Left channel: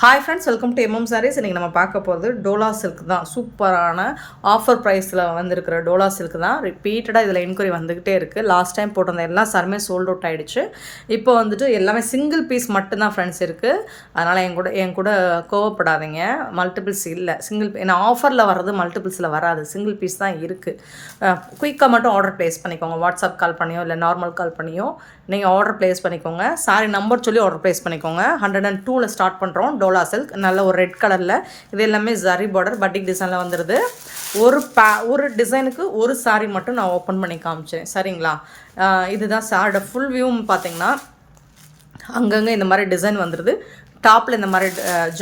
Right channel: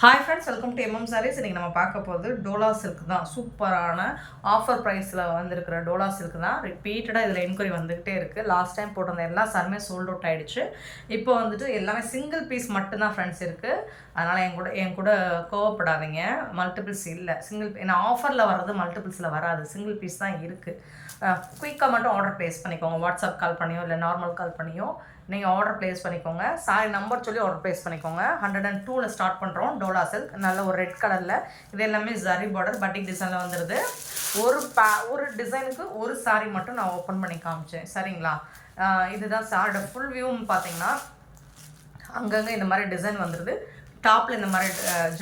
Hi friends, welcome to MM sarees. இன்றைக்கி நம்ம பார்க்க போகிறது டோலா சில்க் தான். சூப்பரான ஆஃபர் ப்ரைஸில் வந்திருக்கிற டோலா சில்க் தான். ரிப்பீட்டடாக இதில் என்கொயரி வந்துக்கிட்டே இருக்குது. லாஸ்ட் டைம் போட்டிருந்த எல்லா சாருமே சோல்ட் அவுட் ஆகிடுச்சு. இப்போ வந்துட்டு எல்லாமே சிங்கிள் பீஸ் மட்டும்தான் ஃப்ரெண்ட்ஸ் இருக்குது. அதனால் என் கூட கோவப்படாதீங்க. மல்டிபிள்ஸ் இல்லை, சிங்கிள் ஏன்னா ஆஃபரில் வர்றது மல்டிபிள்ஸில் வராது, சிங்கிள் பீஸ் தான் இருக்குது. குயிக்காக மட்டும் ஆர்டர் ப்ளேஸ் பண்ணிக்கோங்க. வாட்ஸ்அப் கால் பண்ணியோ இல்லை நார்மல் கால் பண்ணியோ நீங்கள் ஆர்டர் ப்ளேஸ் பண்ணிக்கோங்க. சாரி நம்பர் சொல்லி ஆர்டர் ப்ளேஸ் பண்ணிக்கோங்க. 102ல் ஸ்டார்ட் பண்ணுறோம். டோலா சில்க் நல்ல ஒரு ரெட் கலரில், இது எல்லாமே ஜரி பார்டர் பட்டிக் டிசைனில் வந்துடுது. ஒரு டிசைனுக்கு ஒரு சாரி மட்டும் நான் ஓப்பன் பண்ணி காமிச்சேன், சரிங்களா? இதுதான் சாரோட ஃபுல் வியூவும் பார்த்தீங்கன்னா அங்கங்கே இந்த மாதிரி டிசைன் வந்துடுது. டாப்பில் இந்த மாதிரி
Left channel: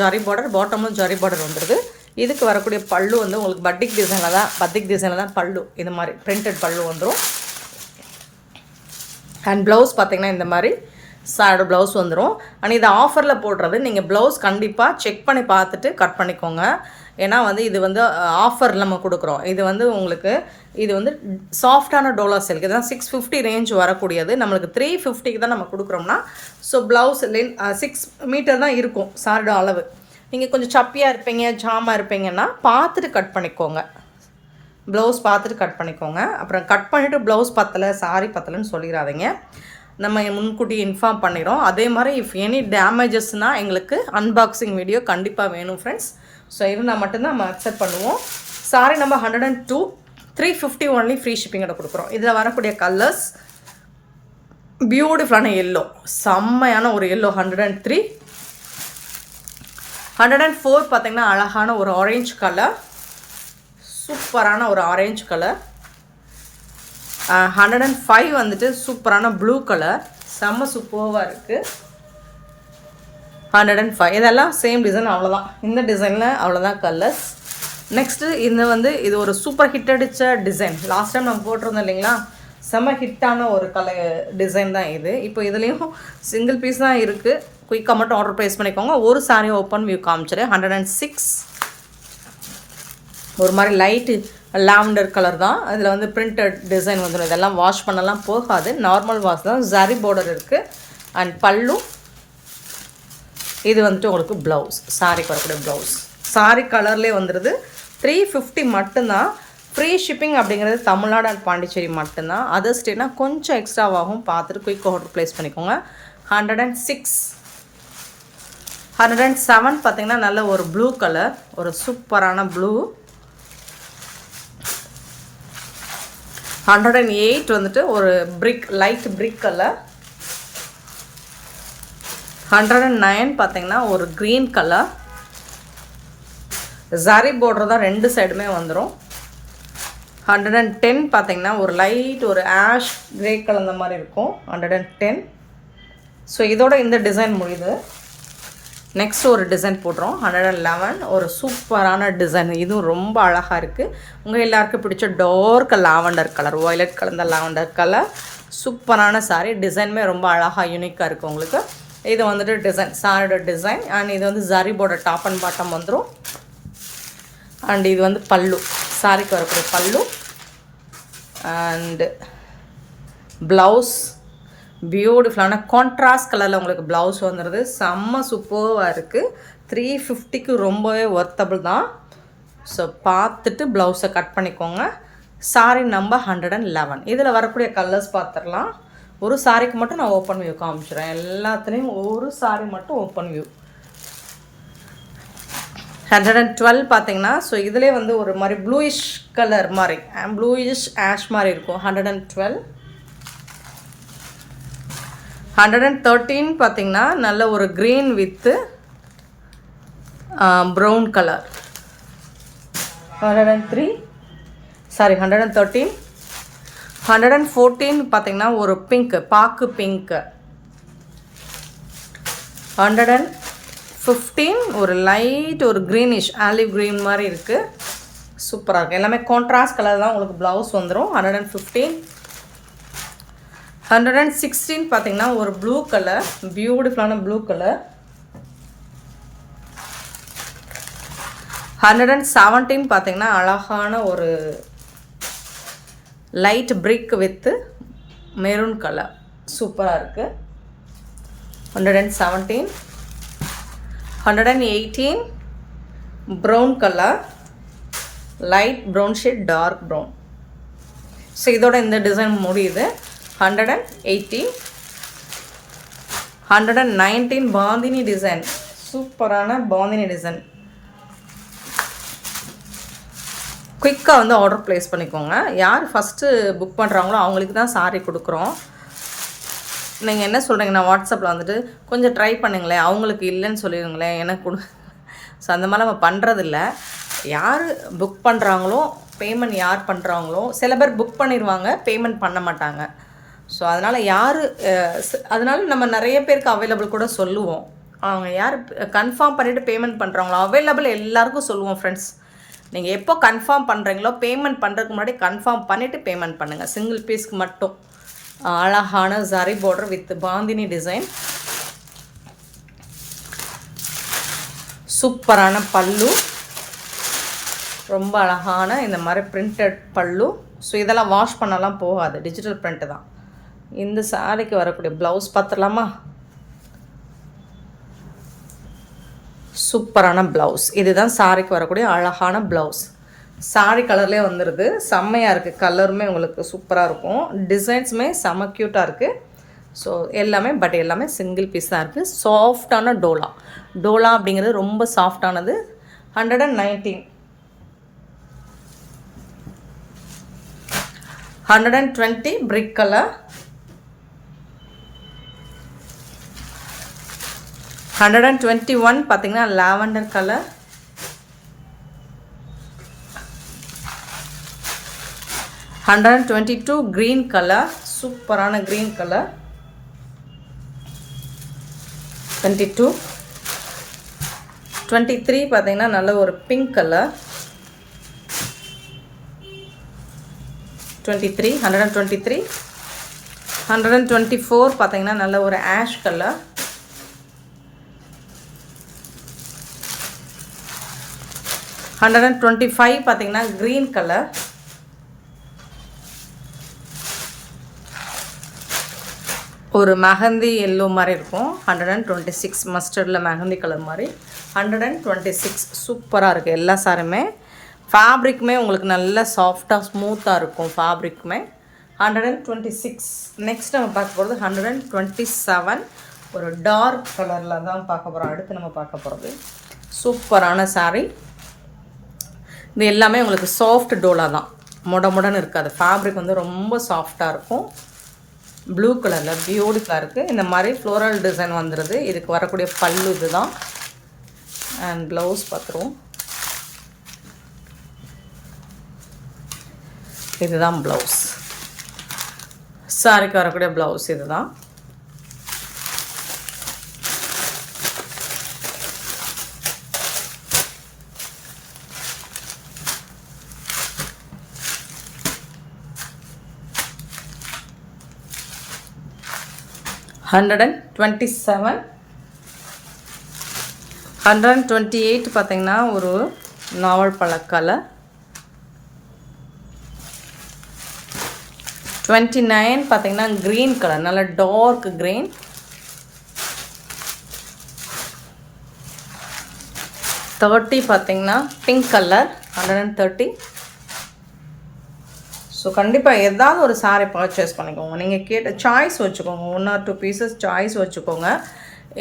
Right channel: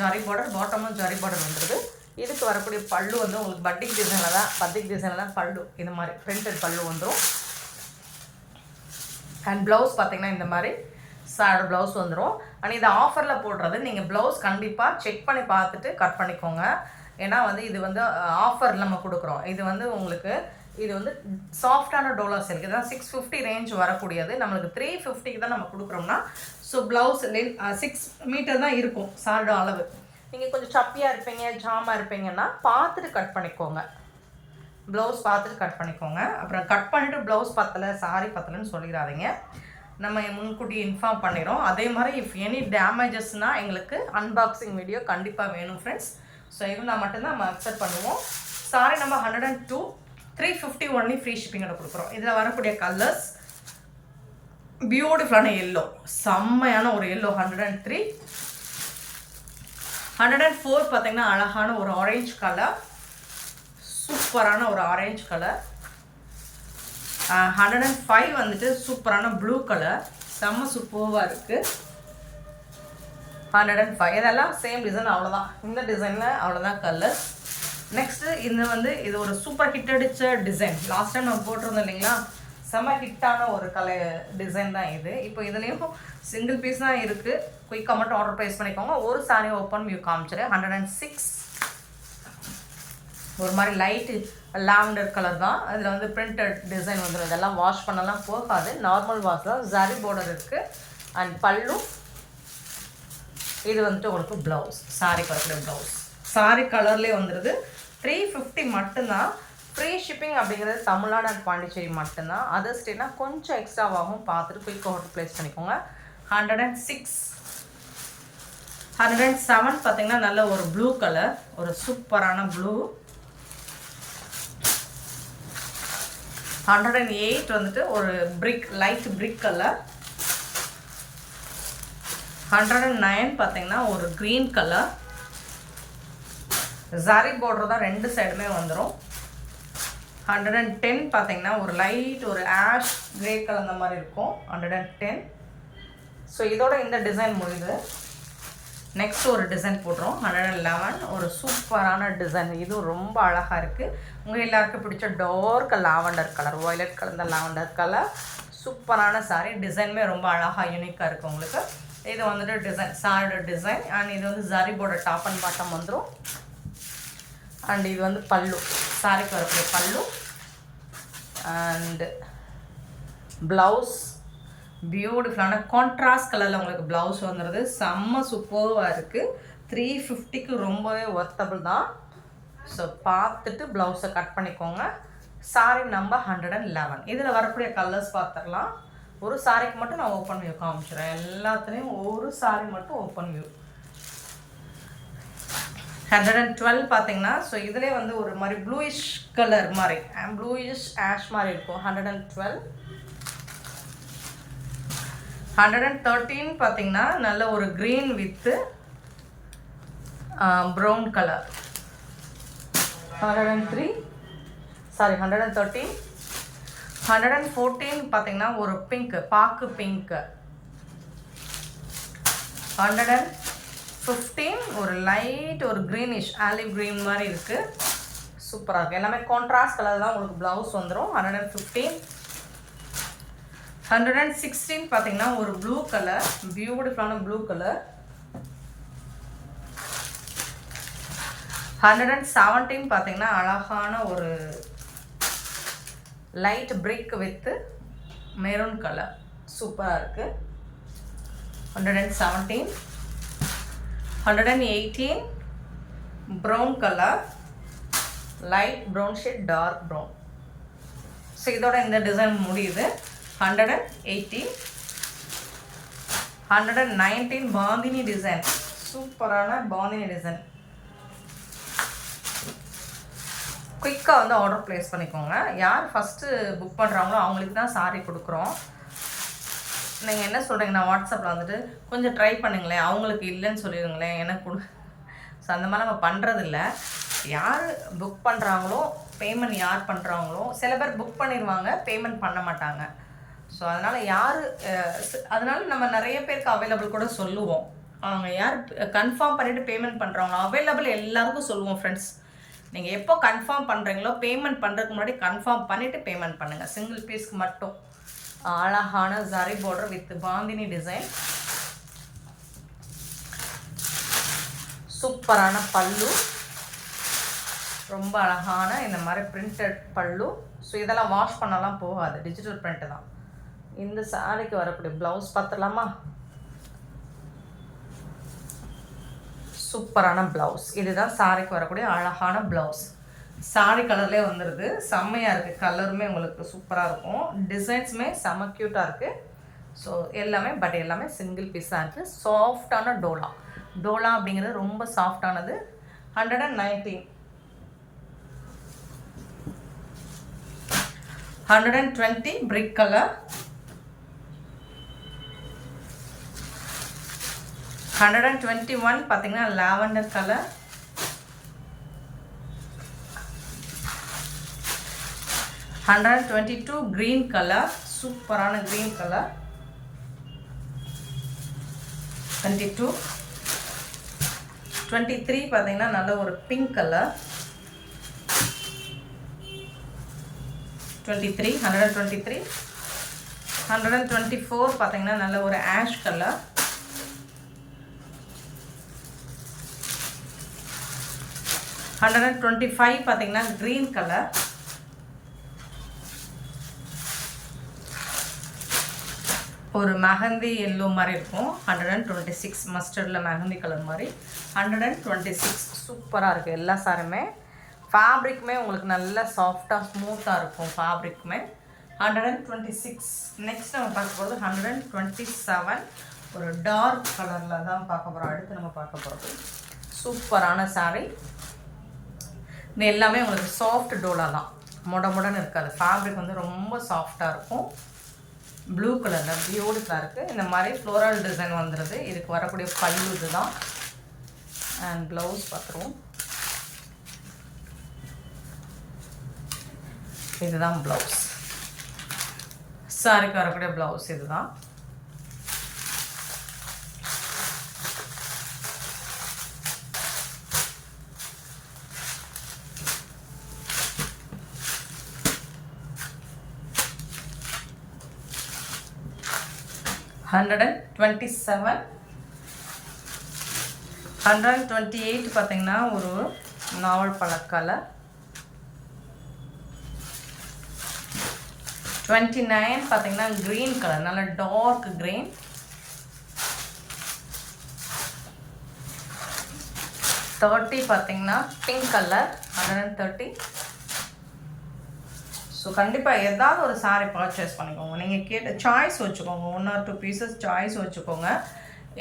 ஜரி பார்டர், பாட்டமும் ஜரி பார்டர் வந்துடுது. இதுக்கு வரக்கூடிய பல்லு வந்து உங்களுக்கு பட்டிக் டிசைனில் தான் பல்லு, இது மாதிரி பிரிண்டட் பல்லு வந்துடும். அண்ட் ப்ளவுஸ் பார்த்திங்கன்னா இந்த மாதிரி சாரோட ப்ளவுஸ் வந்துடும். ஆனால் இது ஆஃபரில் போடுறது, நீங்கள் ப்ளவுஸ் கண்டிப்பாக செக் பண்ணி பார்த்துட்டு கட் பண்ணிக்கோங்க. ஏன்னா வந்து இது வந்து ஆஃபர் நம்ம கொடுக்குறோம். இது வந்து உங்களுக்கு இது வந்து சாஃப்டான டோலா சில்க். இதுதான் 650 ரேஞ்ச் வரக்கூடியது. நம்மளுக்கு 350க்கு தான் நம்ம கொடுக்குறோம்னா, ஸோ ப்ளவுஸ் 6 மீட்டர் தான் இருக்கும் சாரோட அளவு. நீங்கள் கொஞ்சம் சப்பியாக இருப்பீங்க, ஜாமாக இருப்பீங்கன்னா பார்த்துட்டு கட் பண்ணிக்கோங்க. ப்ளவுஸ் பார்த்துட்டு கட் பண்ணிக்கோங்க. அப்புறம் கட் பண்ணிவிட்டு ப்ளவுஸ் பத்தலை, சாரி பத்தலைன்னு சொல்லிடாதீங்க. நம்ம முன்கூட்டி இன்ஃபார்ம் பண்ணிடுறோம். அதே மாதிரி இஃப் எனி டேமேஜஸ்னால் எங்களுக்கு அன்பாக்சிங் வீடியோ கண்டிப்பாக வேணும் ஃப்ரெண்ட்ஸ். ஸோ இருந்தால் மட்டும்தான் நம்ம அக்செப்ட் பண்ணுவோம். சாரி நம்ம 102, 350 ஒன்லி ஃப்ரீ ஷிப்பிங்கோட கொடுக்குறோம். இதில் வரக்கூடிய கலர்ஸ் பியூட்டிஃபுல்லான எல்லோ, செம்மையான ஒரு எல்லோ 103. 104 பார்த்திங்கன்னா அழகான ஒரு ஆரஞ்சு கலர், சூப்பரான ஒரு ஆரஞ்சு கலர். 105 வந்துட்டு சூப்பரான ப்ளூ கலர், செம்ம சூப்பராக இருக்குது. 105 இதெல்லாம் சேம் டிசைன், அவ்வளோதான். இந்த டிசைனில் அவ்வளோதான் கலர்ஸ். நெக்ஸ்ட்டு இது ஒரு சூப்பர் ஹிட் அடித்த டிசைன். லாஸ்ட் டைம் நம்ம போட்டிருந்தோம் இல்லைங்களா, செம்ம ஹிட்டான ஒரு டிசைன் தான் இது. இப்போ இதுலேயும் சிங்கிள் பீஸ் தான் இருக்குது. குயிக்காக மட்டும் ஆர்டர் ப்ளேஸ் பண்ணிக்கோங்க. ஒரு சாரி ஓப்பன் வியூ காமிச்சிரு. 106 ஒரு மாதிரி லைட்டு லாவெண்டர் கலர் தான். அதில் வந்து பிரிண்டட் டிசைன் வந்துடும். இதெல்லாம் வாஷ் பண்ணலாம் போகாது, நார்மல் வாஷ் தான். ஜரி பார்டர் இருக்குது. அண்ட் பல்லு இது வந்துட்டு உங்களுக்கு ப்ளவுஸ், சாரிக்கு வரக்கூடிய ப்ளவுஸ். சாரி கலர்லேயே வந்துடுது. 350 மட்டும்தான். ஃப்ரீ ஷிப்பிங் அப்படிங்கிறது தமிழ்நாடு அண்ட் பாண்டிச்சேரி மட்டும்தான். அதர் ஸ்டேட்னா கொஞ்சம் எக்ஸ்ட்ராவாகும், பார்த்துட்டு குயிக் ஆர்டர் ப்ளேஸ் பண்ணிக்கோங்க. 106 107 பார்த்திங்கன்னா நல்ல ஒரு ப்ளூ கலர், ஒரு சூப்பரான ப்ளூ. 108 வந்துட்டு ஒரு லைட் பிரிக் கலர். 109 பார்த்தீங்கன்னா ஒரு க்ரீன் கலர். ஜரி பார்டர் தான் ரெண்டு சைடுமே வந்துடும். 110 பார்த்தீங்கன்னா ஒரு லைட் ஒரு ஆஷ் கிரே கலர் மாதிரி இருக்கும். 110. ஸோ இதோட இந்த டிசைன் முடியுது. நெக்ஸ்ட் ஒரு டிசைன் போடுறோம். 111 ஒரு சூப்பரான டிசைன். இதுவும் ரொம்ப அழகாக இருக்குது. உங்கள் எல்லாருக்கும் பிடிச்ச டார்க் லாவெண்டர் கலர், வயலட் கலந்த லாவெண்டர் கலர். சூப்பரான சாரி. டிசைனுமே ரொம்ப அழகாக யூனிக்காக இருக்குது உங்களுக்கு. இது வந்துட்டு டிசைன், சாரியோட டிசைன். அண்ட் இது வந்து zari border top and bottom வந்துடும். அண்ட் இது வந்து பல்லு, சாரிக்கு வரக்கூடிய பல்லு. அண்டு ப்ளவுஸ் பியூட்டிஃபுல்லான கான்ட்ராஸ்ட் கலரில் உங்களுக்கு ப்ளவுஸ் வந்துடுது. செம்ம சூப்பராக இருக்குது. 350க்கு ரொம்பவே ஒர்த்தபிள் தான். ஸோ பார்த்துட்டு ப்ளவுஸை கட் பண்ணிக்கோங்க. Sorry number 111. இதில் வரக்கூடிய கலர்ஸ் பார்த்துடலாம். ஒரு சாரிக்கு மட்டும் நான் ஓப்பன் வியூ காமிச்சிடுறேன். எல்லாத்துலேயும் ஒரு சாரி மட்டும் ஓப்பன் வியூ. 112 பார்த்தீங்கன்னா, ஸோ இதிலே வந்து ஒரு மாதிரி ப்ளூயிஷ் கலர் மாதிரி, ப்ளூயிஷ் ஆஷ் மாதிரி இருக்கும். 112. 113 பார்த்தீங்கன்னா நல்ல ஒரு க்ரீன் வித்து ப்ரௌன் கலர். 113 113. 114 பார்த்தீங்கன்னா ஒரு பிங்க், பாக்கு பிங்க். 115 ஒரு லைட் ஒரு க்ரீனிஷ் ஆலிவ் க்ரீன் மாதிரி இருக்குது. சூப்பராக இருக்குது. எல்லாமே கான்ட்ராஸ்ட் கலர் தான் உங்களுக்கு ப்ளவுஸ் வந்துடும். 115. 116 பார்த்தீங்கன்னா ஒரு ப்ளூ கலர், பியூட்டிஃபுல்லான ப்ளூ கலர். 117 பார்த்தீங்கன்னா அழகான ஒரு light brick with maroon colour, சூப்பராக இருக்குது. 117. 118 brown color, light brown shade, dark brown. So இதோட இந்த டிசைன் முடியுது. 180, 119 பாந்தினி டிசைன், சூப்பரான பாந்தினி டிசைன். குயிக்காக வந்து ஆர்டர் ப்ளேஸ் பண்ணிக்கோங்க. யார் ஃபஸ்ட்டு புக் பண்ணுறாங்களோ அவங்களுக்கு தான் சாரி கொடுக்குறோம். நீங்கள் என்ன சொல்கிறீங்கன்னா வாட்ஸ்அப்பில் வந்துட்டு கொஞ்சம் ட்ரை பண்ணுங்களேன், அவங்களுக்கு இல்லைன்னு சொல்லிடுங்களேன், எனக்கு கொடு. ஸோ அந்த மாதிரி நம்ம பண்ணுறதில்ல. யார் புக் பண்ணுறாங்களோ, பேமெண்ட் யார் பண்ணுறாங்களோ, சில பேர் புக் பண்ணிடுவாங்க, பேமெண்ட் பண்ண மாட்டாங்க. ஸோ அதனால் அதனால் நம்ம நிறைய பேருக்கு அவைலபிள் கூட சொல்லுவோம். அவங்க யார் கன்ஃபார்ம் பண்ணிவிட்டு பேமெண்ட் பண்ணுறாங்களோ அவைலபிள் எல்லாருக்கும் சொல்லுவோம் ஃப்ரெண்ட்ஸ். நீங்கள் எப்போ கன்ஃபார்ம் பண்ணுறீங்களோ பேமெண்ட் பண்ணுறதுக்கு முன்னாடி கன்ஃபார்ம் பண்ணிவிட்டு பேமெண்ட் பண்ணுங்கள். சிங்கிள் பீஸ்க்கு மட்டும். அழகான zari border with bandhani design, சூப்பரான பல்லு, ரொம்ப அழகான இந்த மாதிரி பிரிண்டட் பல்லு. ஸோ இதெல்லாம் வாஷ் பண்ணலாம் போகாது, டிஜிட்டல் பிரிண்ட்டு தான். இந்த சாரிக்கு வரக்கூடிய ப்ளவுஸ் பார்த்துடலாமா? சூப்பரான ப்ளவுஸ். இதுதான் சாரிக்கு வரக்கூடிய அழகான ப்ளவுஸ். சாரி கலர்லேயே வந்துடுது, செம்மையாக இருக்குது. கலருமே உங்களுக்கு சூப்பராக இருக்கும், டிசைன்ஸுமே செம்ம க்யூட்டாக இருக்குது. ஸோ எல்லாமே சிங்கிள் பீஸ் தான் இருக்குது. சாஃப்டான டோலா அப்படிங்கிறது ரொம்ப சாஃப்டானது. 119, 120 பிரிக் கலர், 121 பார்த்தீங்கன்னா லாவெண்டர் கலர், 122 க்ரீன் கலர், சூப்பரான க்ரீன் கலர், 22, 23 பார்த்தீங்கன்னா நல்ல ஒரு பிங்க் கலர், 23, 123, 124 பார்த்தீங்கன்னா நல்ல ஒரு ஆஷ் கலர், 125 பார்த்தீங்கன்னா க்ரீன் கலர், ஒரு மெஹந்தி எல்லோ மாதிரி இருக்கும். 126 மஸ்டர்டில் மெஹந்தி கலர் மாதிரி. 126 சூப்பராக இருக்குது. எல்லா சாரியுமே ஃபேப்ரிக்குமே உங்களுக்கு நல்ல சாஃப்டாக ஸ்மூத்தாக இருக்கும் ஃபேப்ரிக்குமே. 126. நெக்ஸ்ட் நம்ம பார்க்க போகிறது 127. ஒரு டார்க் கலரில் தான் பார்க்க போகிறோம். அடுத்து நம்ம பார்க்க போகிறது சூப்பரான சாரி. இது எல்லாமே உங்களுக்கு சாஃப்ட் டோலா தான், முடன்னு இருக்காது. ஃபேப்ரிக் வந்து ரொம்ப சாஃப்டாக இருக்கும். ப்ளூ கலரில் பியூட்டிஃபுல்லாக இருக்குது. இந்த மாதிரி ஃப்ளோரல் டிசைன் வந்துடுது. இதுக்கு வரக்கூடிய பல்லு இது தான். அண்ட் ப்ளவுஸ் பார்த்துருவோம். இதுதான் ப்ளவுஸ். சாரிக்கு வரக்கூடிய ப்ளவுஸ் இது தான். $127, 128 பார்த்தீங்கன்னா ஒரு நாவல் பழ கலர், 29 பார்த்தீங்கன்னா க்ரீன் கலர், நல்ல டார்க் க்ரீன், 30 பார்த்தீங்கன்னா பிங்க் கலர், 130. ஸோ கண்டிப்பாக ஏதாவது ஒரு சாரி பர்ச்சேஸ் பண்ணிக்கோங்க. நீங்கள் கேட்ட சாய்ஸ் வச்சுக்கோங்க. 1 or 2 பீசஸ் சாய்ஸ் வச்சுக்கோங்க.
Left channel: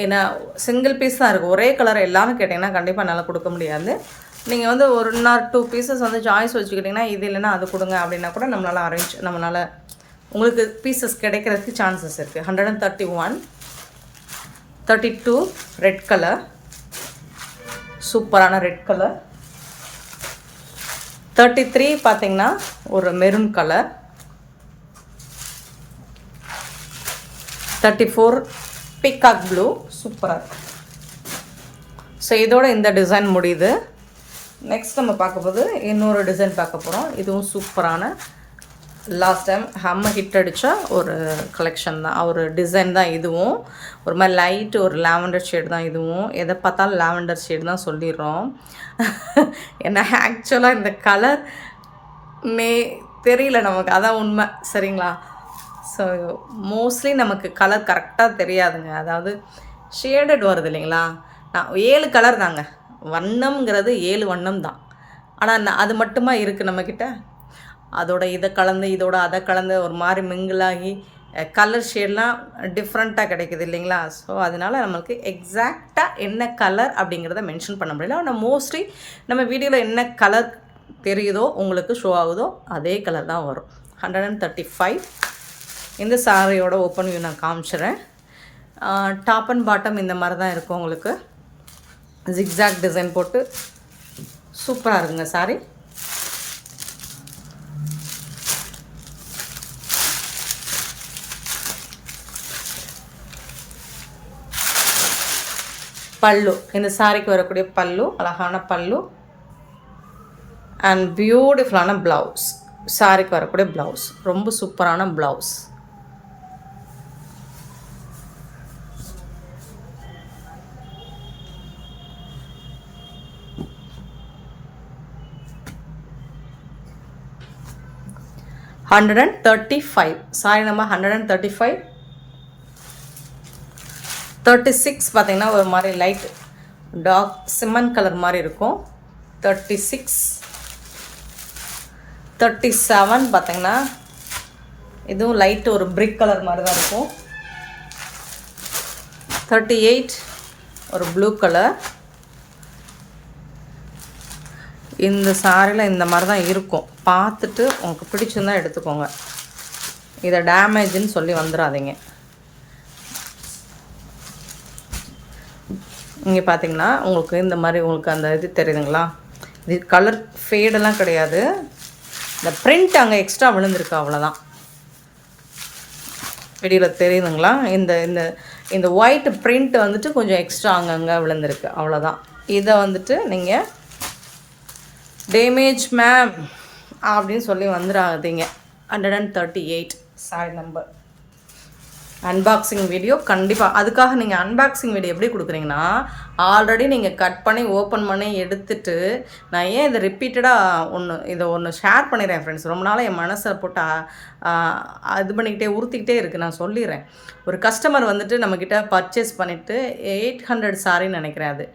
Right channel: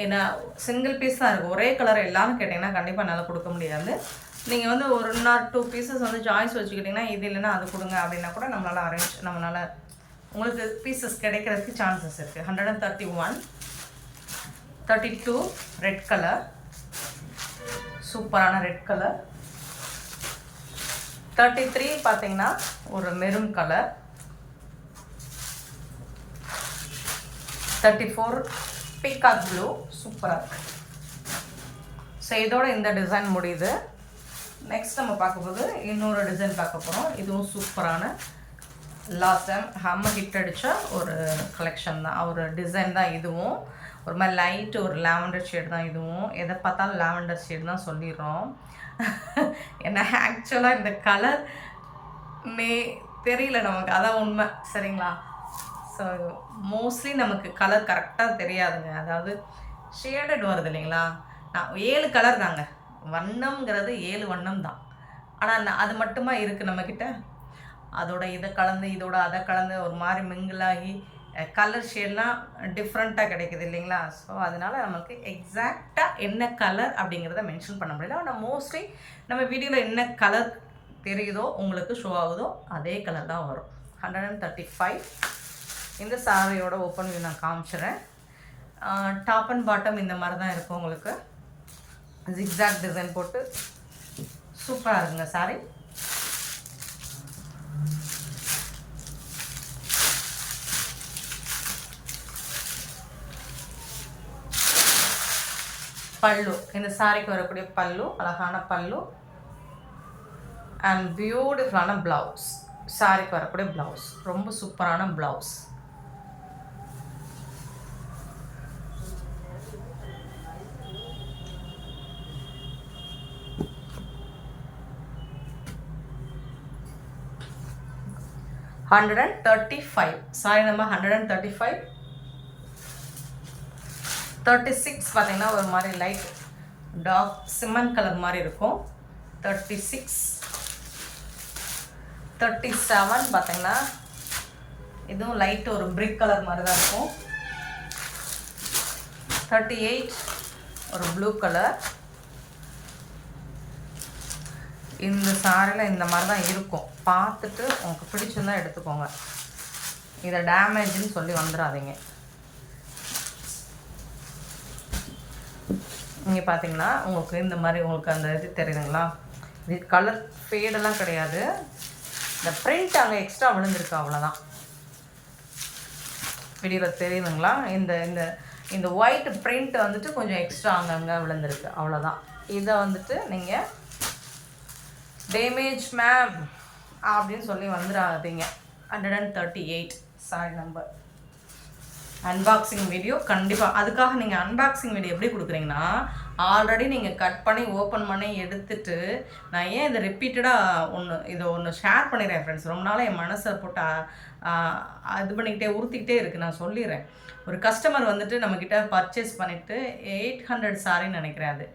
ஏன்னா சிங்கிள் பீஸ் தான் இருக்குது. ஒரே கலர் எல்லாமே கேட்டிங்கன்னா கண்டிப்பாக நல்லா கொடுக்க முடியாது. நீங்கள் வந்து 1 or 2 பீசஸ் வந்து சாய்ஸ் வச்சுக்கிட்டிங்கன்னா இது இல்லைன்னா அது கொடுங்க அப்படின்னா கூட நம்மளால் உங்களுக்கு பீசஸ் கிடைக்கிறதுக்கு சான்சஸ் இருக்குது. 131, 32 ரெட் கலர், சூப்பரான ரெட் கலர், 33 பார்த்தீங்கன்னா ஒரு மெரூன் கலர், 34 பீகாக் ப்ளூ, சூப்பராக. ஸோ இதோட இந்த டிசைன் முடியுது. நெக்ஸ்ட் நம்ம பார்க்க போது இன்னொரு டிசைன் பார்க்க போகிறோம். இதுவும் சூப்பரான லாஸ்ட் டைம் ஹிட் அடித்த ஒரு கலெக்ஷன் தான், ஒரு டிசைன் தான். இதுவும் ஒரு மாதிரி லைட்டு ஒரு லாவெண்டர் ஷேடு தான். இதுவும் எதை பார்த்தாலும் லாவெண்டர் ஷேடு தான் சொல்லிடுறோம். ஏன்னா ஆக்சுவலாக இந்த கலர் தெரியல நமக்கு, அதான் உண்மை. சரிங்களா? ஸோ மோஸ்ட்லி நமக்கு கலர் கரெக்டாக தெரியாதுங்க. அதாவது ஷேடட் வருது இல்லைங்களா, நான் 7 கலர் தாங்க, வண்ணம்ங்கிறது 7 வண்ணம் தான். ஆனால் அது மட்டுமா இருக்குது நம்மக்கிட்ட? அதோட இதை கலந்து இதோட அதை கலந்து ஒரு மாதிரி மிங்கிளாகி கலர் ஷேட்லாம் டிஃப்ரெண்ட்டாக கிடைக்குது இல்லைங்களா? ஸோ அதனால் நம்மளுக்கு எக்ஸாக்டாக என்ன கலர் அப்படிங்கிறத மென்ஷன் பண்ண முடியல. ஆனால் மோஸ்ட்லி நம்ம வீடியோவில் என்ன கலர் தெரியுதோ உங்களுக்கு ஷோ ஆகுதோ அதே கலர் தான் வரும். 135. இந்த சாரியோட ஓப்பன் வியூ நான் காமிச்சிடுறேன். டாப் அண்ட் பாட்டம் இந்த மாதிரி தான் இருக்கும். உங்களுக்கு ஜிக்ஸாக் டிசைன் போட்டு சூப்பராக இருக்குங்க சாரி. பல்லு, இந்த சாரிக்கு வரக்கூடிய பல்லு, அழகான பல்லு அண்ட் பியூட்டிஃபுல்லான ப்ளவுஸ். சாரிக்கு வரக்கூடிய ப்ளவுஸ் ரொம்ப சூப்பரான ப்ளவுஸ். $135. Sorry number 135. 36 பார்த்தீங்கன்னா ஒரு மாதிரி லைட் டார்க் சிமெண்ட் கலர் மாதிரி இருக்கும். 36. 37 பார்த்தீங்கன்னா இதுவும் லைட் ஒரு பிரிக் கலர் மாதிரி தான் இருக்கும். 38 ஒரு ப்ளூ கலர். இந்த சாரியில் இந்த மாதிரி தான் இருக்கும். பார்த்துட்டு உங்களுக்கு பிடிச்சிருந்தா எடுத்துக்கோங்க. இதை டேமேஜ்னு சொல்லி வந்துடாதீங்க. இங்கே பார்த்தீங்கன்னா உங்களுக்கு இந்த மாதிரி உங்களுக்கு அந்த இது தெரியுதுங்களா? இது கலர் ஃபேடெல்லாம் கிடையாது. இந்த பிரிண்ட் அங்கே எக்ஸ்ட்ரா விழுந்திருக்கு, அவ்வளோதான். வீடியோவில் தெரியுதுங்களா? இந்த இந்த இந்த ஒயிட் பிரிண்ட் வந்துட்டு கொஞ்சம் எக்ஸ்ட்ரா அங்கங்கே விழுந்திருக்கு, அவ்வளோதான். இதை வந்துட்டு நீங்கள் டேமேஜ் மேம் அப்படின்னு சொல்லி வந்துடாதீங்க. 138 சாரி நம்பர். அன்பாக்சிங் வீடியோ கண்டிப்பாக. அதுக்காக நீங்கள் அன்பாக்சிங் வீடியோ எப்படி கொடுக்குறீங்கன்னா, ஆல்ரெடி நீங்கள் கட் பண்ணி ஓப்பன் பண்ணி எடுத்துட்டு நான் ஏன் இதை ரிப்பீட்டடாக இதை ஒன்று ஷேர் பண்ணிடுறேன் ஃப்ரெண்ட்ஸ். ரொம்ப நாளாக என் மனசை போட்டு இது பண்ணிக்கிட்டே உறுத்திக்கிட்டே இருக்குது. நான் சொல்லிடுறேன். ஒரு கஸ்டமர் வந்துட்டு நம்மக்கிட்ட பர்ச்சேஸ் பண்ணிவிட்டு 800 சாரின்னு நினைக்கிறேன்.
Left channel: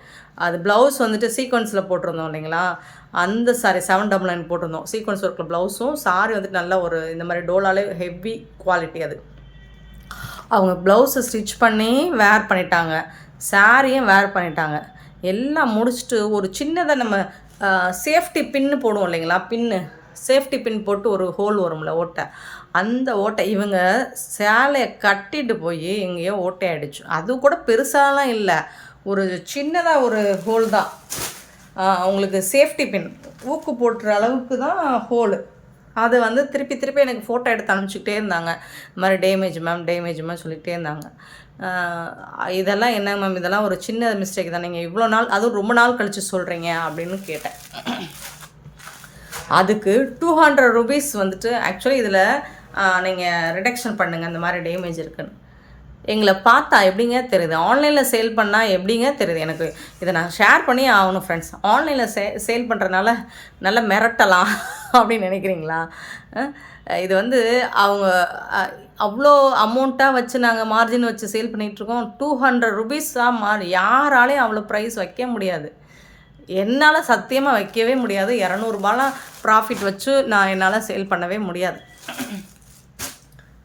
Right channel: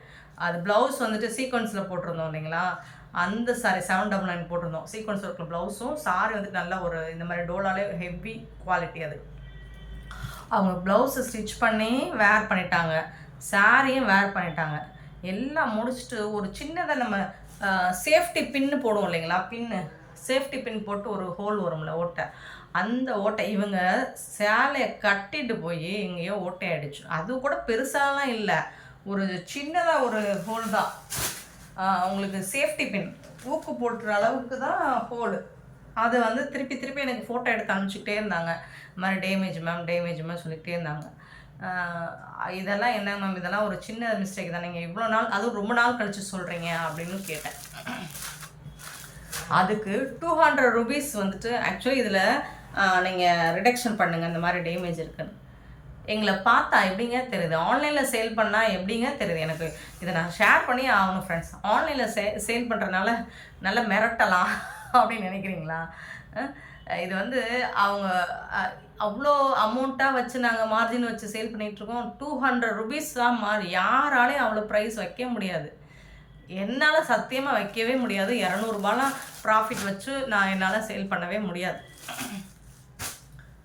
அது ப்ளவுஸ் வந்துட்டு சீக்வன்ஸில் போட்டிருந்தோம் இல்லைங்களா? அந்த சாரி 799 போட்டிருந்தோம். சீக்வன்ஸ் ஒர்க்கில் ப்ளவுஸும் சாரி வந்துட்டு நல்லா ஒரு இந்த மாதிரி டோலாலே ஹெவி குவாலிட்டி. அது அவங்க ப்ளவுஸை ஸ்டிச் பண்ணி வேர் பண்ணிட்டாங்க, சாரியும் வேர் பண்ணிட்டாங்க. எல்லாம் முடிச்சுட்டு ஒரு சின்னதாக நம்ம சேஃப்டி பின்னு போடுவோம் இல்லைங்களா? சேஃப்டி பின் போட்டு ஒரு ஹோல் வரும்ல, ஓட்டை. அந்த ஓட்டை இவங்க சேலையை கட்டிட்டு போய் எங்கேயோ ஓட்டை ஆகிடுச்சு. அது கூட பெருசாலாம் இல்லை, ஒரு சின்னதாக ஒரு ஹோல் தான். அவங்களுக்கு சேஃப்டி பின் ஊக்கு போட்டுற அளவுக்கு தான் ஹோலு. அது வந்து திருப்பி திருப்பி எனக்கு ஃபோட்டோ எடுத்து அனுப்பிச்சிக்கிட்டே இருந்தாங்க. இந்த மாதிரி டேமேஜ் மேம் சொல்லிகிட்டே இருந்தாங்க. இதெல்லாம் என்ன மேம், இதெல்லாம் ஒரு சின்ன மிஸ்டேக் தான், நீங்கள் இவ்வளோ நாள் அதுவும் ரொம்ப நாள் கழித்து சொல்கிறீங்க அப்படின்னு கேட்டேன். அதுக்கு 200 ரூபீஸ் வந்துட்டு ஆக்சுவலி இதில் நீங்கள் ரிடக்ஷன் பண்ணுங்கள், இந்த மாதிரி டேமேஜ் இருக்குன்னு. எங்களை பார்த்தா எப்படிங்க தெரியுது? ஆன்லைனில் சேல் பண்ணால் எப்படிங்க தெரியுது? எனக்கு இதை நான் ஷேர் பண்ணி ஆகணும் ஃப்ரெண்ட்ஸ். ஆன்லைனில் சேல் பண்ணுறதுனால நல்லா மிரட்டலாம் அப்படின்னு நினைக்கிறீங்களா? இது வந்து அவங்க அவ்வளோ அமௌண்ட்டாக வச்சு நாங்கள் மார்ஜின் வச்சு சேல் பண்ணிகிட்ருக்கோம். 200 ரூபீஸாக யாராலையும் அவ்வளோ ப்ரைஸ் வைக்க முடியாது. என்னால் சத்தியமாக வைக்கவே முடியாது. 200 ரூபாலாம் ப்ராஃபிட் வச்சு என்னால் சேல் பண்ணவே முடியாது.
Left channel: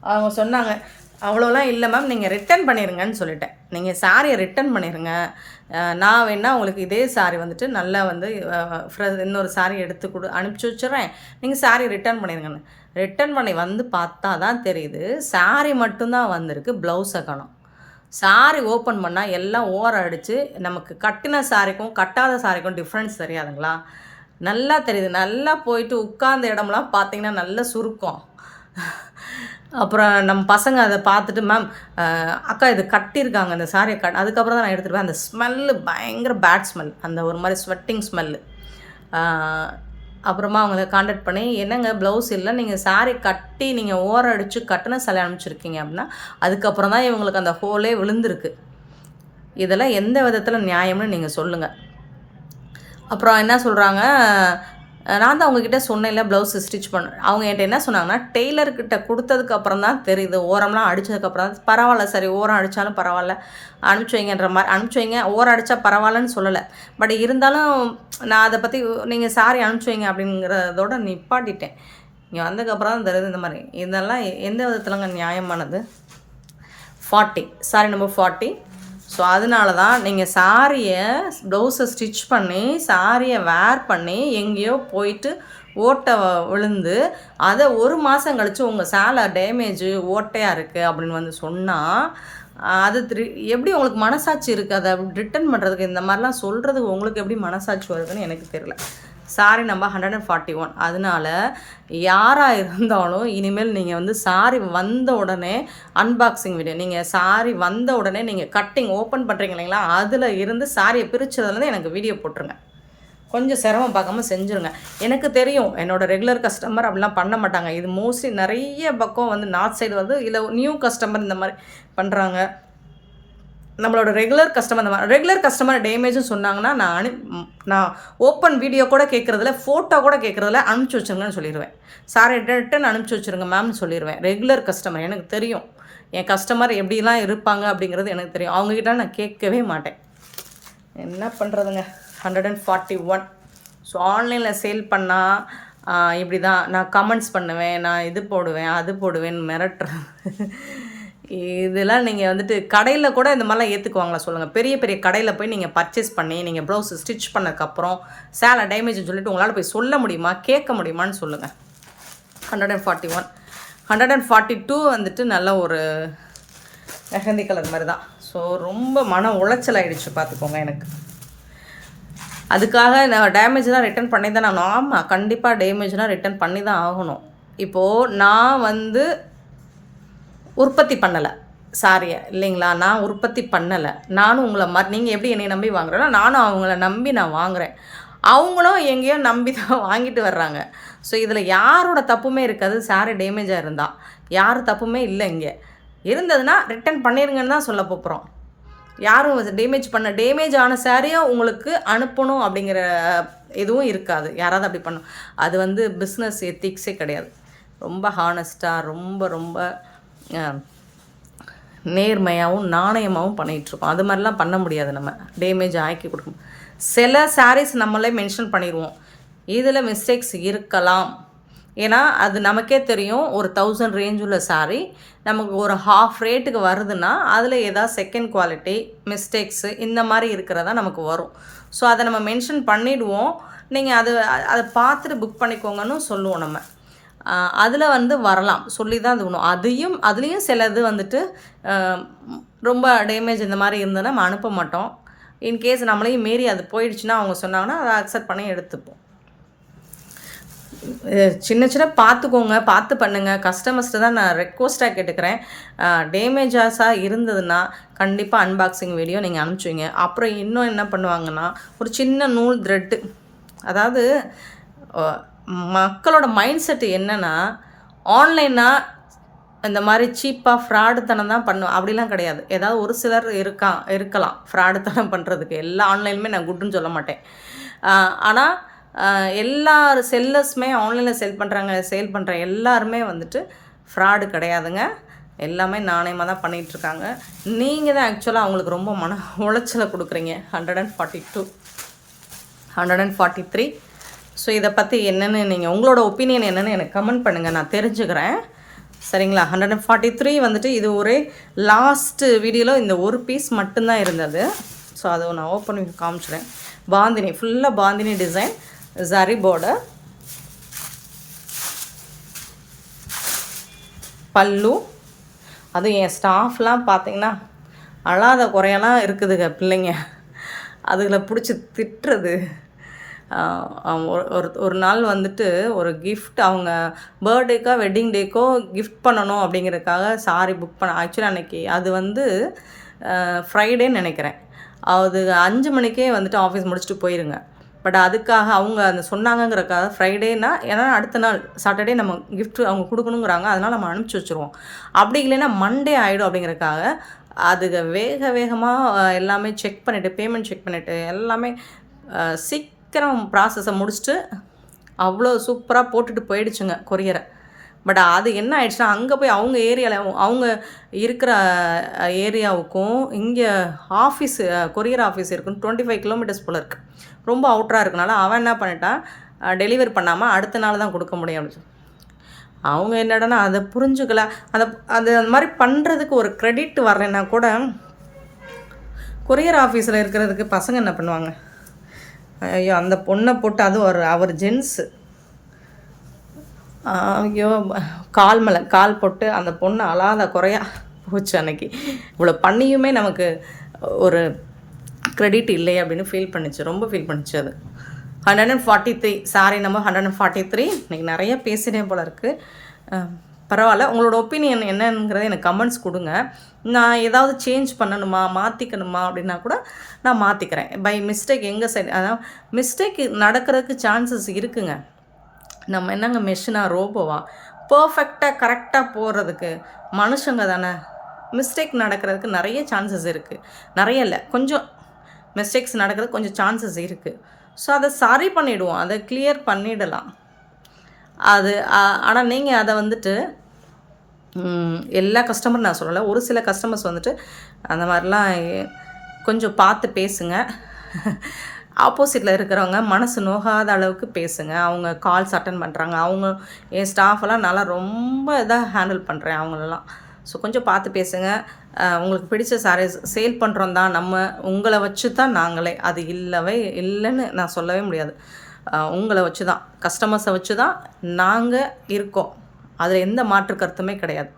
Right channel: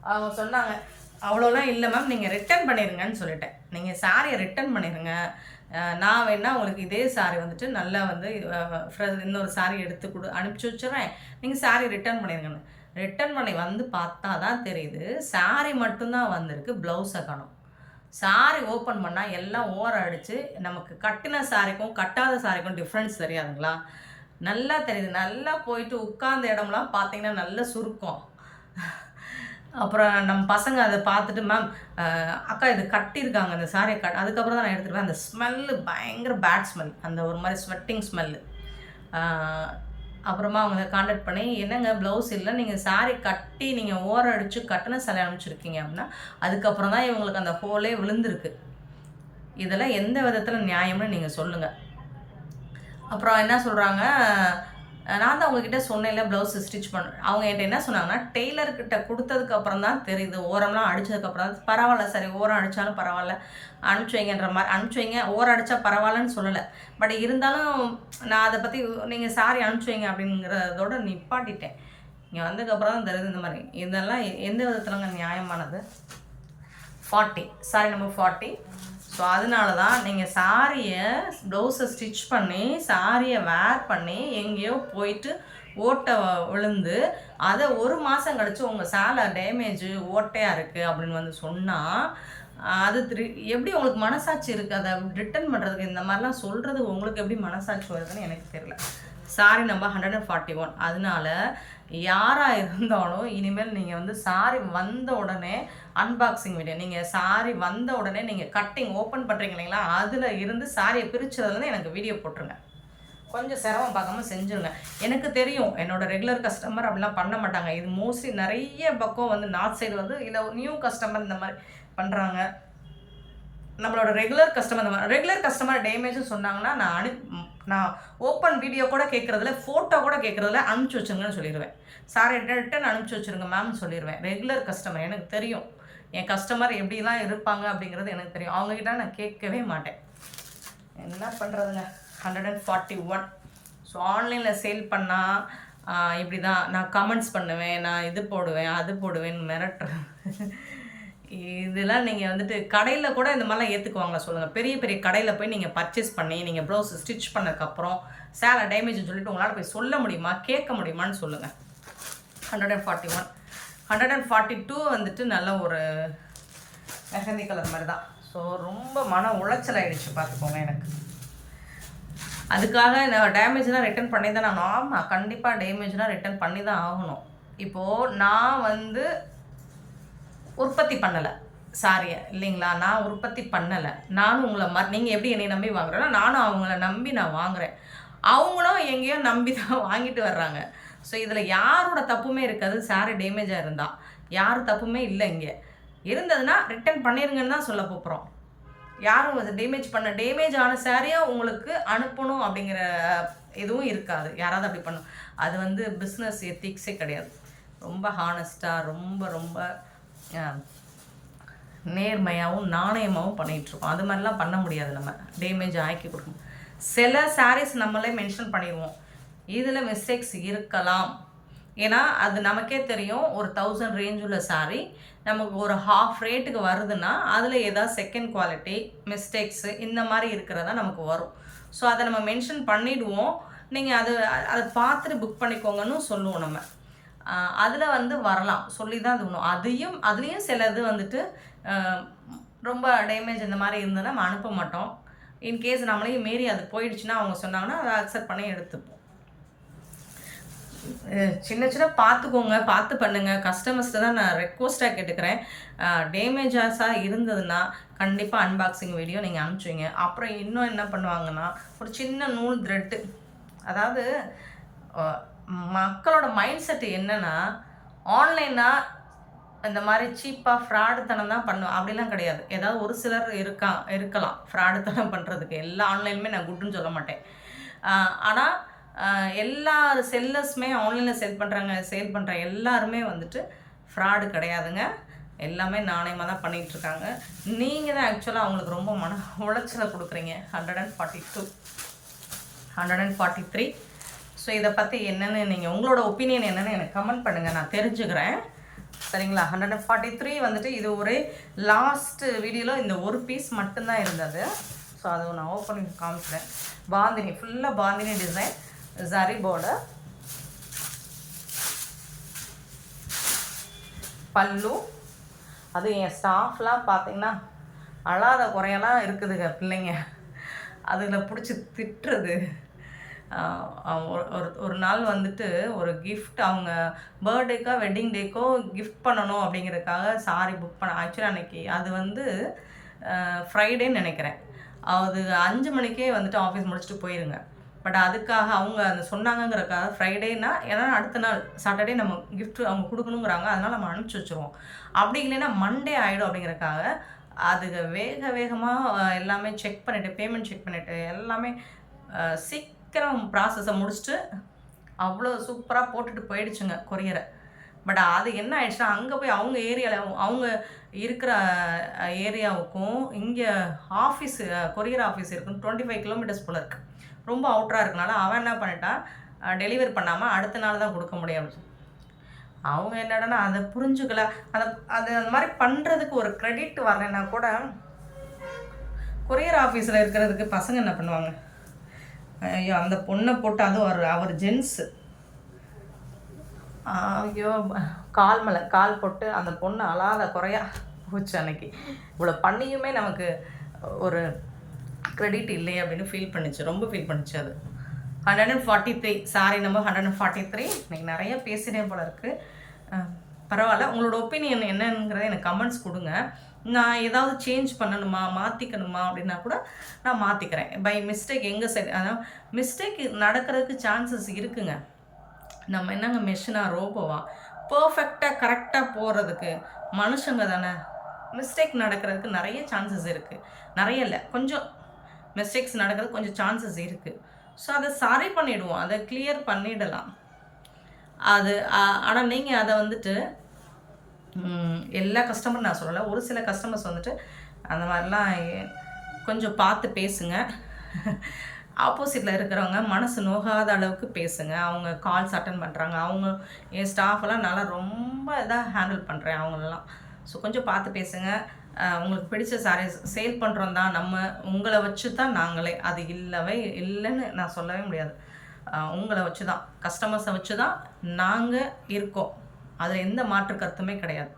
அவங்க சொன்னாங்க, அவ்வளோலாம் இல்லை மேம், நீங்கள் ரிட்டன் பண்ணிடுங்கன்னு சொல்லிட்டேன். நீங்கள் சாரியை ரிட்டன் பண்ணிடுங்க, நான் வேணால் உங்களுக்கு இதே சாரி வந்துட்டு நல்லா வந்து இன்னொரு சாரி எடுத்து அனுப்பிச்சி வச்சுட்றேன், நீங்கள் சாரி ரிட்டன் பண்ணிடுங்கன்னு. ரிட்டன் பண்ணி வந்து பார்த்தா தான் தெரியுது சாரி மட்டும்தான் வந்திருக்கு, ப்ளவுஸை காணோம். சாரி ஓப்பன் பண்ணால் எல்லாம் ஓரம் அடித்து நமக்கு கட்டின சாரிக்கும் கட்டாத சாரிக்கும் டிஃப்ரென்ஸ் தெரியாதுங்களா? நல்லா தெரியுது. நல்லா போயிட்டு உட்கார்ந்த இடம்லாம் பார்த்தீங்கன்னா நல்ல சுருக்கம். அப்புறம் நம்ம பசங்க அதை பார்த்துட்டு, மேம் அக்கா இது கட்டியிருக்காங்க இந்த சாரியை அதுக்கப்புறம் தான் நான் எடுத்துகிட்டு அந்த ஸ்மெல்லு பயங்கர பேட் ஸ்மெல், அந்த ஒரு மாதிரி ஸ்வெட்டிங் ஸ்மெல்லு. அப்புறமா அவங்கள காண்டாக்ட் பண்ணி, என்னங்க ப்ளவுஸ் இல்லை, நீங்கள் சாரி கட்டி நீங்கள் ஓரம் அடித்து கட்டின சாரி அனுப்பிச்சிருக்கீங்க அப்படின்னா, அதுக்கப்புறம் தான் இவங்களுக்கு அந்த ஹோலே விழுந்திருக்கு. இதெல்லாம் எந்த விதத்தில் நியாயம்னு நீங்கள் சொல்லுங்கள். அப்புறம் என்ன சொல்கிறாங்க, நான் தான் அவங்கக்கிட்ட சொன்னேன்ல ப்ளவுஸு ஸ்டிச் பண்ண. அவங்க என்கிட்ட என்ன சொன்னாங்கன்னா, டெய்லர்கிட்ட குடுத்ததுக்கப்புறம் தான் தெரியுது. ஓரம்லாம் அடிச்சதுக்கப்புறம் தான் பரவாயில்ல சரி ஓரம் அடித்தாலும் பரவாயில்ல, அனுப்பிச்சி வைங்கன்ற மாரி அனுப்பிச்சி வைங்க. ஓரம் அடித்தா பரவாயில்லன்னு சொல்லலை. பட் இருந்தாலும் நான் அதை பற்றி நீங்கள் சாரி அனுப்பிச்சி வைங்க அப்படிங்கிறதோட நிப்பாட்டிட்டேன். இங்கே வந்ததுக்கப்புறம் தான் தெரியுது இந்த மாதிரி. இதெல்லாம் எந்த விதத்துலங்க நியாயமானது? 40 சாரி நம்பர் 40. ஸோ அதனால தான் நீங்கள் சாரியை ப்ளவுஸை ஸ்டிச் பண்ணி சாரியை வேர் பண்ணி எங்கேயோ போயிட்டு ஓட்டை விழுந்து அதை 1 மாதம் கழித்து உங்கள் சேலை டேமேஜு ஓட்டையாக இருக்குது அப்படின்னு வந்து சொன்னால் அது எப்படி உங்களுக்கு மனசாட்சி இருக்குது? அதை ரிட்டன் பண்ணுறதுக்கு இந்த மாதிரிலாம் சொல்கிறதுக்கு உங்களுக்கு எப்படி மனசாட்சி வருதுன்னு எனக்கு தெரியல. Sorry number 141. அதனால யாராக இருந்தாலும் இனிமேல் நீங்கள் வந்து சாரி வந்த உடனே அன்பாக்சிங் வீடியோ, நீங்கள் சாரி வந்த உடனே நீங்கள் கட்டிங் ஓப்பன் பண்ணுறீங்க இல்லைங்களா, அதில் இருந்து சாரியை பிரித்ததுலேருந்து எனக்கு வீடியோ போட்டுருங்க. கொஞ்சம் சிரமம் பார்க்காம செஞ்சுருங்க. எனக்கு தெரியும் என்னோடய ரெகுலர் கஸ்டமர் அப்படிலாம் பண்ண மாட்டாங்க. இது மோஸ்ட்லி நிறைய பக்கம் வந்து நார்த் சைடு வந்து இல்லை நியூ கஸ்டமர் இந்த மாதிரி பண்ணுறாங்க. நம்மளோட ரெகுலர் கஸ்டமர் டேமேஜும் சொன்னாங்கன்னா நான் ஓப்பன் வீடியோ கூட கேட்குறதில்ல, ஃபோட்டோ கூட கேட்குறதில்ல, அனுப்பிச்சி வச்சுருங்கன்னு சொல்லிடுவேன். சாரி ரிட்டன் அனுப்பிச்சி வச்சுருங்க மேம்னு சொல்லிடுவேன். ரெகுலர் கஸ்டமர் எனக்கு தெரியும், என் கஸ்டமர் எப்படிலாம் இருப்பாங்க அப்படிங்கிறது எனக்கு தெரியும். அவங்கக்கிட்ட நான் கேட்கவே மாட்டேன். என்ன பண்ணுறதுங்க? 141. ஸோ ஆன்லைனில் சேல் பண்ணால் இப்படி தான் நான் கமெண்ட்ஸ் பண்ணுவேன், நான் இது போடுவேன் அது போடுவேன்னு மிரட்டுறேன். இதெல்லாம் நீங்கள் வந்துட்டு கடையில் கூட இந்த மாதிரிலாம் ஏற்றுக்குவாங்களா சொல்லுங்கள்? பெரிய பெரிய கடையில் போய் நீங்கள் பர்ச்சேஸ் பண்ணி நீங்கள் ப்ளவுஸ் ஸ்டிச் பண்ணதுக்கப்புறம் சேலை டேமேஜ்னு சொல்லிட்டு உங்களால் போய் சொல்ல முடியுமா, கேட்க முடியுமான்னு சொல்லுங்கள். 141. 142 வந்துட்டு நல்ல ஒரு மெஹந்தி கலர் மாதிரி தான். ஸோ ரொம்ப மன உளைச்சல் ஆகிடுச்சு பார்த்துக்கோங்க எனக்கு. அதுக்காக நான் டேமேஜ் தான் ரிட்டன் பண்ணி தான் நான் ஆமாம் கண்டிப்பாக டேமேஜ்னால் ரிட்டன் பண்ணி தான் ஆகணும். இப்போது நான் வந்து உற்பத்தி பண்ணலை சாரியை இல்லைங்களா, நான் உற்பத்தி பண்ணலை. நானும் உங்களை நீங்கள் எப்படி என்னை நம்பி வாங்குறேன்னா நானும் அவங்கள நம்பி நான் வாங்குகிறேன். அவங்களும் எங்கேயோ நம்பி தான் வாங்கிட்டு வர்றாங்க. ஸோ இதில் யாரோட தப்புமே இருக்காது. சாரி டேமேஜாக இருந்தால் யார் தப்புமே இல்லை. இங்கே இருந்ததுன்னா ரிட்டன் பண்ணிடுங்கன்னு தான் சொல்ல போகிறோம். யாரும் டேமேஜ் ஆன சாரியாக உங்களுக்கு அனுப்பணும் அப்படிங்கிற எதுவும் இருக்காது. யாராவது அப்படி பண்ணும், அது வந்து பிஸ்னஸ் எத்திக்ஸே கிடையாது. ரொம்ப ஹானஸ்ட்டாக ரொம்ப நேர்மையாகவும் நாணயமாகவும் பண்ணிகிட்ருக்கோம். அது மாதிரிலாம் பண்ண முடியாது. நம்ம டேமேஜ் ஆக்கி கொடுக்கணும். சில சாரீஸ் நம்மளே மென்ஷன் பண்ணிடுவோம், இதில் மிஸ்டேக்ஸ் இருக்கலாம். ஏன்னா அது நமக்கே தெரியும், ஒரு 1000 ரேஞ்ச் உள்ள சாரீ நமக்கு ஒரு ஹாஃப் ரேட்டுக்கு வருதுன்னா அதில் ஏதாவது செகண்ட் குவாலிட்டி மிஸ்டேக்ஸு இந்த மாதிரி இருக்கிறதா நமக்கு வரும். ஸோ அதை நம்ம மென்ஷன் பண்ணிவிடுவோம். நீங்கள் அதை பார்த்துட்டு புக் பண்ணிக்கோங்கன்னு சொல்லுவோம். நம்ம அதில் வந்து வரலாம் சொல்லி தான் இது பண்ணுவோம். அதுலேயும் சிலது வந்துட்டு ரொம்ப டேமேஜ் இந்த மாதிரி இருந்ததுன்னா நம்ம அனுப்ப மாட்டோம். இன்கேஸ் நம்மளையும் மீறி அது போயிடுச்சுன்னா அவங்க சொன்னாங்கன்னா அதை அக்செப்ட் பண்ணி எடுத்துப்போம். சின்ன பார்த்துக்கோங்க, பார்த்து பண்ணுங்கள். கஸ்டமர்ஸ்ட்டு தான் நான் ரெக்வஸ்ட்டாக கேட்டுக்கிறேன். டேமேஜஸாக இருந்ததுன்னா கண்டிப்பாக அன்பாக்சிங் வீடியோ நீங்கள் அனுப்பிச்சுங்க. அப்புறம் இன்னும் என்ன பண்ணுவாங்கன்னா ஒரு சின்ன நூல் த்ரெட்டு, அதாவது மக்களோட மைண்ட் செட்டு என்னென்னா ஆன்லைனாக இந்த மாதிரி சீப்பாக ஃப்ராடுத்தனம் தான் பண்ணும். அப்படிலாம் கிடையாது. ஏதாவது ஒரு சிலர் இருக்கலாம் ஃப்ராடுத்தனம் பண்ணுறதுக்கு. எல்லா ஆன்லைனுமே நான் குட்டுன்னு சொல்ல மாட்டேன். ஆனால் எல்லா செல்லர்ஸுமே ஆன்லைனில் சேல் பண்ணுற எல்லாருமே வந்துட்டு ஃப்ராடு கிடையாதுங்க. எல்லாமே நாணயமாக தான் பண்ணிகிட்ருக்காங்க. நீங்கள் தான் ஆக்சுவலாக அவங்களுக்கு ரொம்ப மன உளைச்சலை கொடுக்குறீங்க. 142, 143. ஸோ இதை பற்றி என்னென்னு நீங்கள் உங்களோட ஒப்பீனியன் என்னென்னு எனக்கு கமெண்ட் பண்ணுங்கள், நான் தெரிஞ்சுக்கிறேன். சரிங்களா? 143 வந்துட்டு இது ஒரு லாஸ்ட்டு வீடியோவில் இந்த ஒரு பீஸ் மட்டும்தான் இருந்தது. ஸோ அதை நான் ஓப்பன் பண்ணி காமிச்சிடுறேன். பாந்தினி, ஃபுல்லாக பாந்தினி டிசைன், ஜரி பார்டர், பல்லு. அதுவும் என் ஸ்டாஃப்லாம் பார்த்தீங்கன்னா அழாத குறையெல்லாம் இருக்குதுங்க பிள்ளைங்க. அதுகளை பிடிச்சி திட்டுறது. ஒரு நாள் வந்துட்டு ஒரு கிஃப்ட் அவங்க பர்த்டேக்கோ வெட்டிங் டேக்கோ கிஃப்ட் பண்ணணும் அப்படிங்கிறதுக்காக சாரி புக் பண்ண. ஆக்சுவலி அன்றைக்கி அது வந்து ஃப்ரைடேன்னு நினைக்கிறேன். அது 5 மணிக்கே வந்துட்டு ஆஃபீஸ் முடிச்சுட்டு போயிருங்க. பட் அதுக்காக அவங்க அந்த சொன்னாங்கங்கிறக்காக ஃப்ரைடேனா, ஏன்னா அடுத்த நாள் சாட்டர்டே நம்ம கிஃப்ட் அவங்க கொடுக்கணுங்கிறாங்க, அதனால் நம்ம அனுப்பிச்சி வச்சுருவோம். அப்படி இல்லைன்னா மண்டே ஆகிடும் அப்படிங்கிறக்காக அதுக்கு வேகமாக எல்லாமே செக் பண்ணிவிட்டு பேமெண்ட் செக் பண்ணிவிட்டு எல்லாமே சீக்கிரம் ப்ராசஸை முடிச்சுட்டு அவ்வளோ சூப்பராக போட்டுட்டு போயிடுச்சுங்க கொரியரை. பட் அது என்ன ஆயிடுச்சுன்னா, அங்கே போய் அவங்க ஏரியாவில் அவங்க இருக்கிற ஏரியாவுக்கும் இங்கே ஆஃபீஸு கொரியர் ஆஃபீஸ் இருக்குன்னு 25 கிலோமீட்டர்ஸ் போல் இருக்குது. ரொம்ப அவுட்டராக இருக்கனால அவன் என்ன பண்ணிட்டான், டெலிவரி பண்ணாமல் அடுத்த நாள் தான் கொடுக்க முடியும் அப்படின்னு சொல்லி. அவங்க என்னடான்னா அதை புரிஞ்சுக்கல. அதை அது அந்த மாதிரி பண்ணுறதுக்கு ஒரு கிரெடிட் வரலைன்னா கூட கொரியர் ஆஃபீஸில் இருக்கிறதுக்கு பசங்க என்ன பண்ணுவாங்க, ஐயோ அந்த பொண்ணை போட்டு அதுவும் அவர் ஜென்ஸு, ஐயோ கால் மேலே கால் போட்டு அந்த பொண்ணை அழாத குறையா போச்சு. அன்னைக்கு இவ்வளோ பண்ணியுமே நமக்கு ஒரு கிரெடிட் இல்லை அப்படின்னு ஃபீல் பண்ணிச்சு, ரொம்ப ஃபீல் பண்ணிச்சு. அது 143 சாரி நம்பர் 143. இன்றைக்கி நிறைய பேசுகிறேன் போல இருக்குது. பரவாயில்ல, உங்களோட ஒப்பீனியன் என்னங்கிறத எனக்கு கமெண்ட்ஸ் கொடுங்க. நான் ஏதாவது சேஞ்ச் பண்ணணுமா மாற்றிக்கணுமா அப்படின்னா கூட நான் மாற்றிக்கிறேன். பை மிஸ்டேக் எங்கள் சைடு, அதான் மிஸ்டேக் நடக்கிறதுக்கு சான்சஸ் இருக்குங்க. நம்ம என்னங்க மெஷினா ரோபோவா? பர்ஃபெக்டாக கரெக்டாக போகிறதுக்கு மனுஷங்க தானே. மிஸ்டேக் நடக்கிறதுக்கு நிறைய சான்சஸ் இருக்குது. நிறைய இல்லை, கொஞ்சம் மிஸ்டேக்ஸ் நடக்கிறதுக்கு கொஞ்சம் சான்சஸ் இருக்குது. ஸோ அதை சரி பண்ணிவிடுவோம், அதை கிளியர் பண்ணிடலாம். அது ஆனால் நீங்கள் அதை வந்துட்டு எல்லா கஸ்டமரும் நான் சொல்லலை, ஒரு சில கஸ்டமர்ஸ் வந்துட்டு அந்த மாதிரிலாம் கொஞ்சம் பார்த்து பேசுங்க. ஆப்போசிட்டில் இருக்கிறவங்க மனசு நோகாத அளவுக்கு பேசுங்க. அவங்க கால்ஸ் அட்டன் பண்ணுறாங்க, அவங்க என் ஸ்டாஃபெல்லாம் நல்லா ரொம்ப இதாக ஹேண்டில் பண்ணுறேன் அவங்களெல்லாம். ஸோ கொஞ்சம் பார்த்து பேசுங்க. உங்களுக்கு பிடிச்ச சாரீஸ் சேல் பண்ணுறோம் தான், நம்ம உங்களை வச்சு தான் நாங்களே, அது இல்லைன்னு நான் சொல்லவே முடியாது. உங்களை வச்சு தான், கஸ்டமர்ஸை வச்சு தான் நாங்கள் இருக்கோம். அதில் எந்த மாற்று கருத்துமே கிடையாது.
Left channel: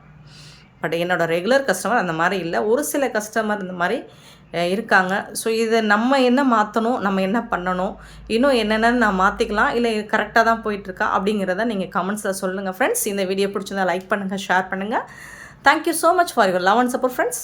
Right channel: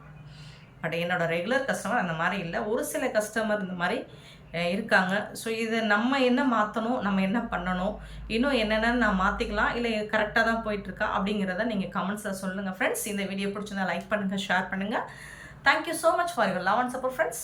பட் என்னோடய ரெகுலர் கஸ்டமர் அந்த மாதிரி இல்லை, ஒரு சில கஸ்டமர் இந்த மாதிரி இருக்காங்க. ஸோ இதை நம்ம என்ன மாற்றணும், நம்ம என்ன பண்ணணும், இன்னும் என்னென்னு நான் மாற்றிக்கலாம், இல்லை கரெக்டாக தான் போயிட்டுருக்கா அப்படிங்கிறத நீங்கள் கமெண்ட்ஸில் சொல்லுங்கள் ஃப்ரெண்ட்ஸ். இந்த வீடியோ பிடிச்சிருந்தா லைக் பண்ணுங்கள், ஷேர் பண்ணுங்கள். Thank you so much for your love and support friends.